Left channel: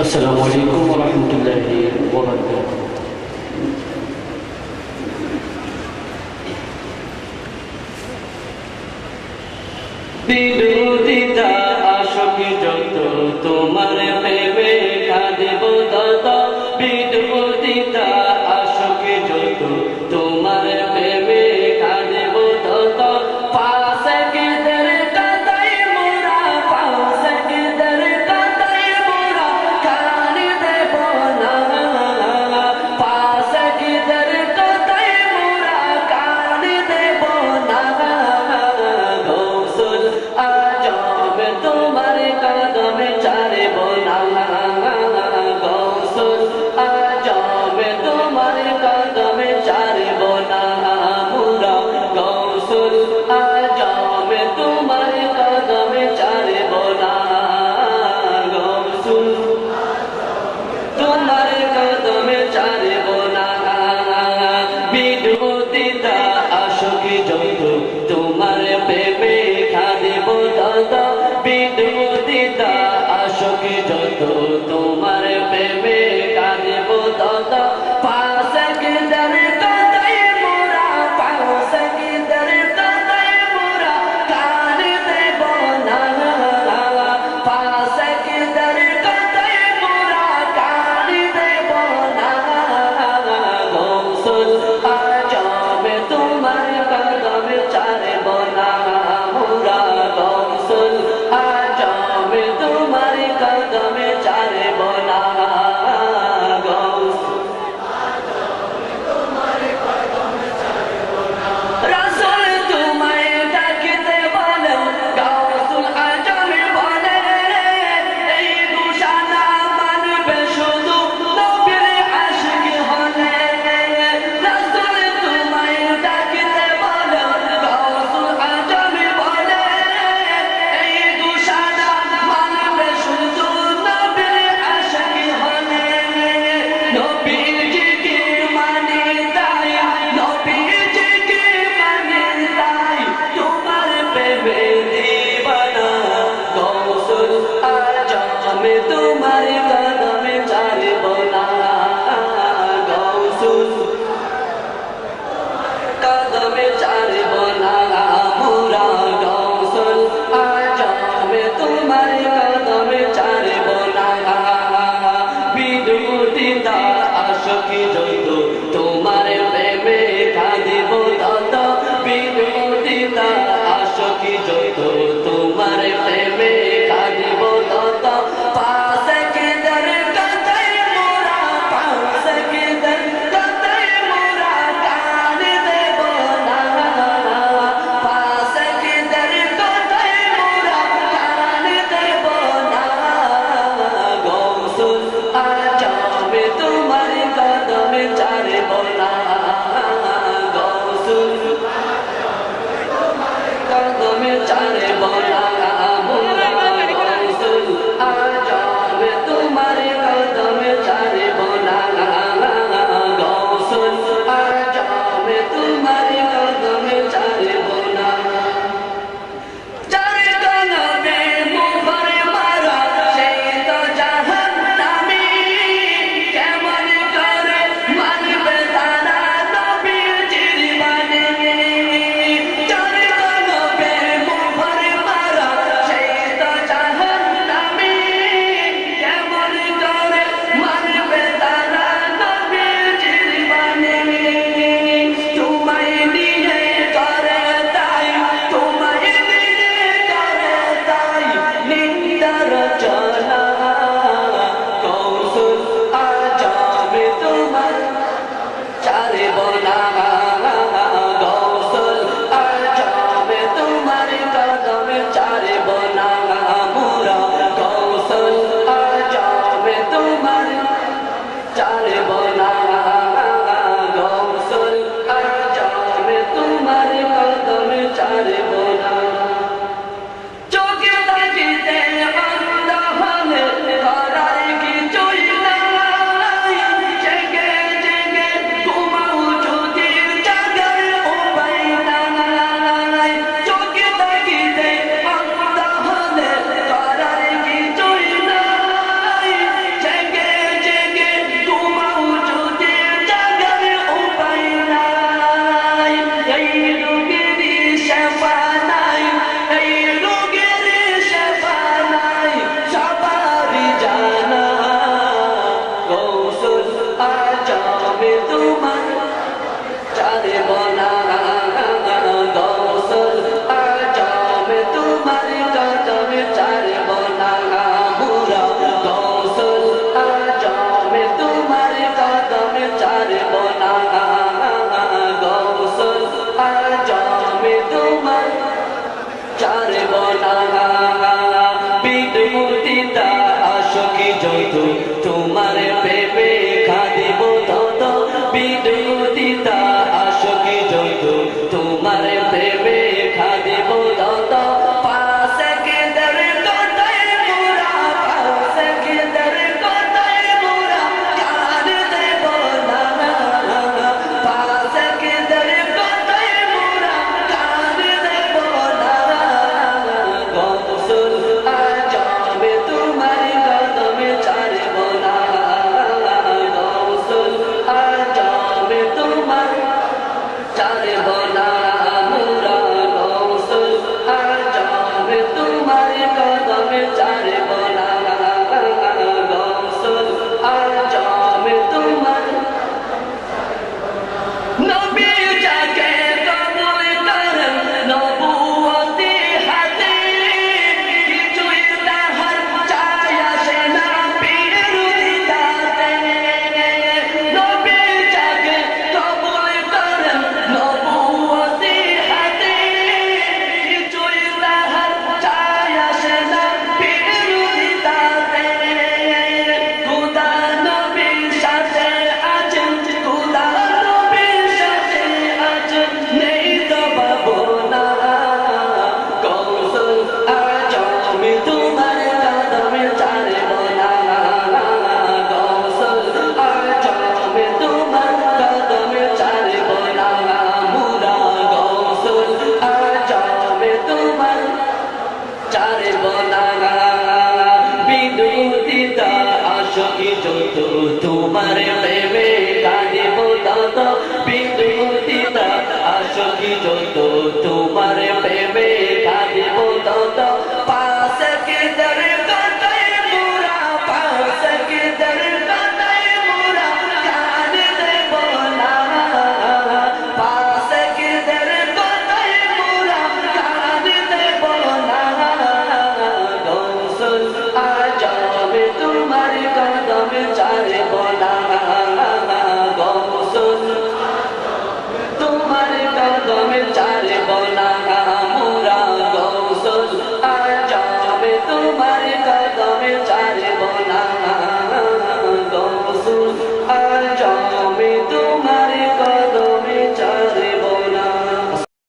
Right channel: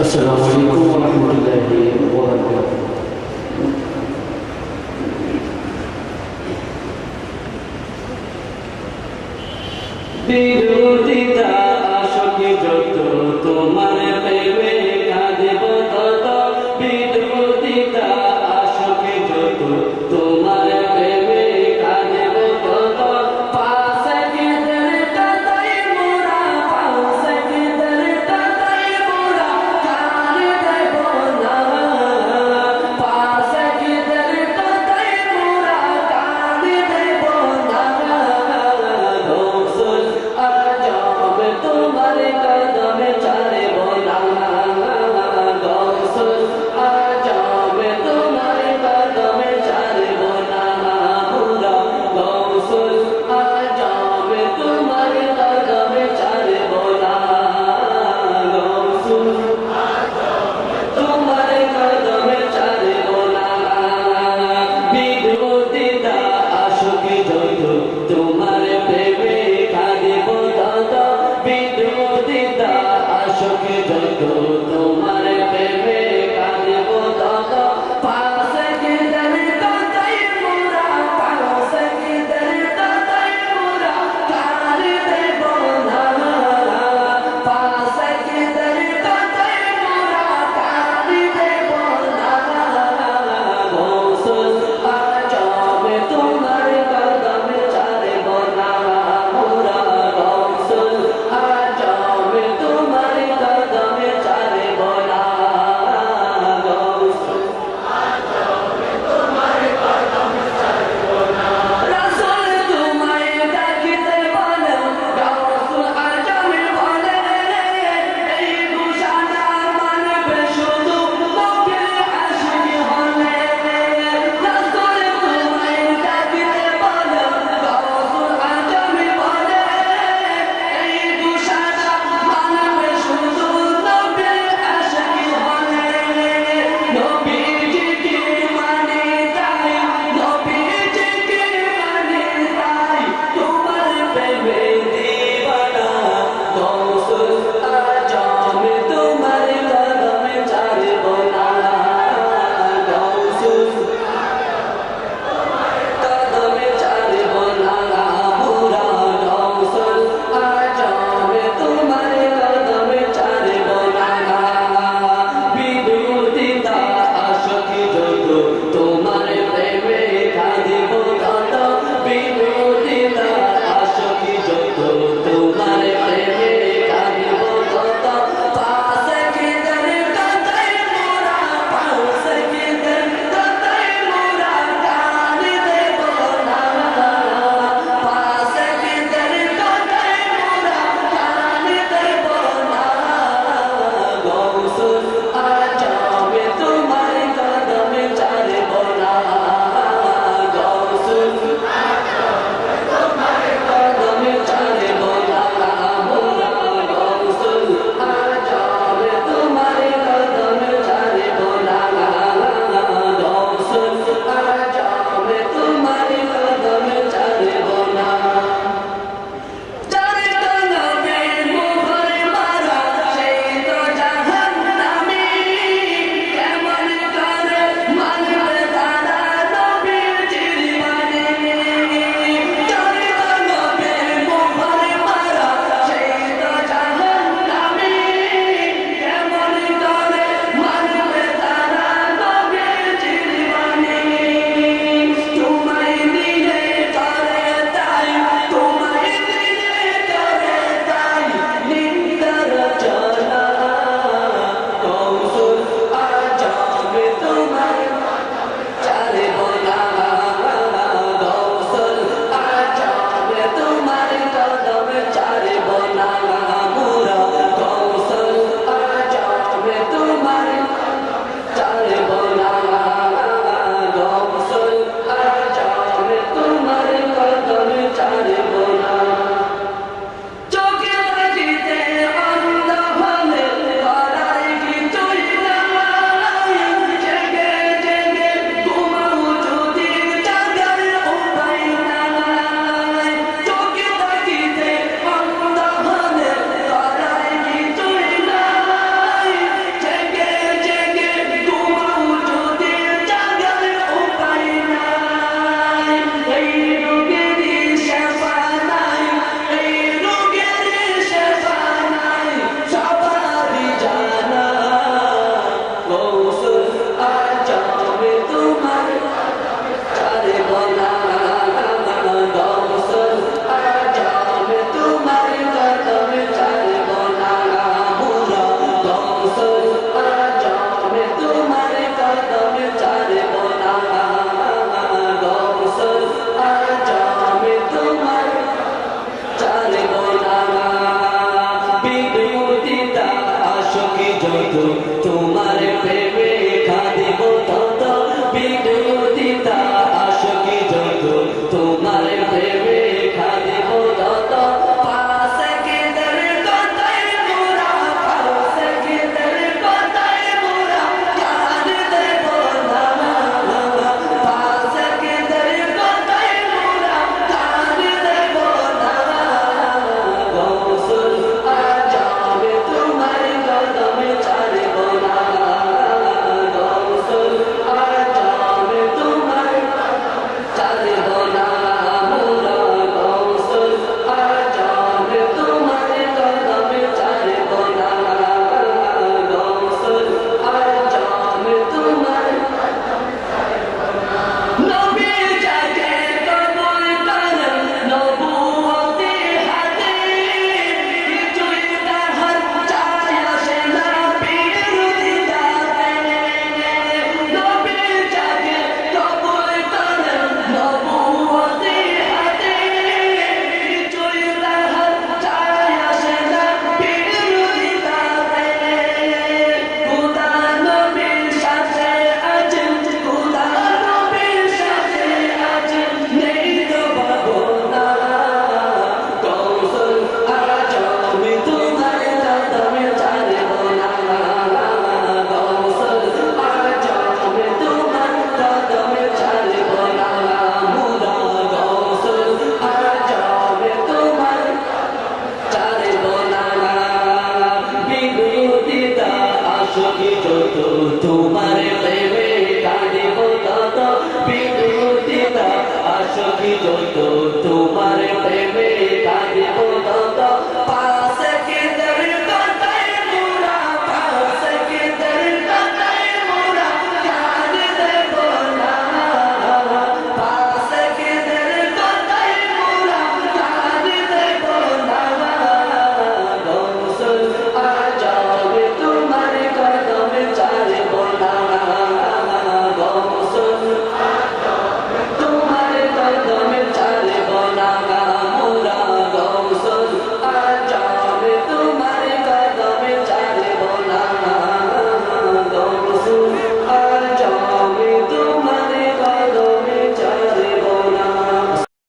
আসসালামু আলাইকুম ওয়া রাহমাতুল্লাহি ওয়া বারাকাতুহু বিরোধিতা আসকে যত তোমার যত তোমার প্রেমে খাদিব তত বিদ্যুতিতা আসকি যত তোমার প্রেমে খাদিব যত তোমার প্রেমের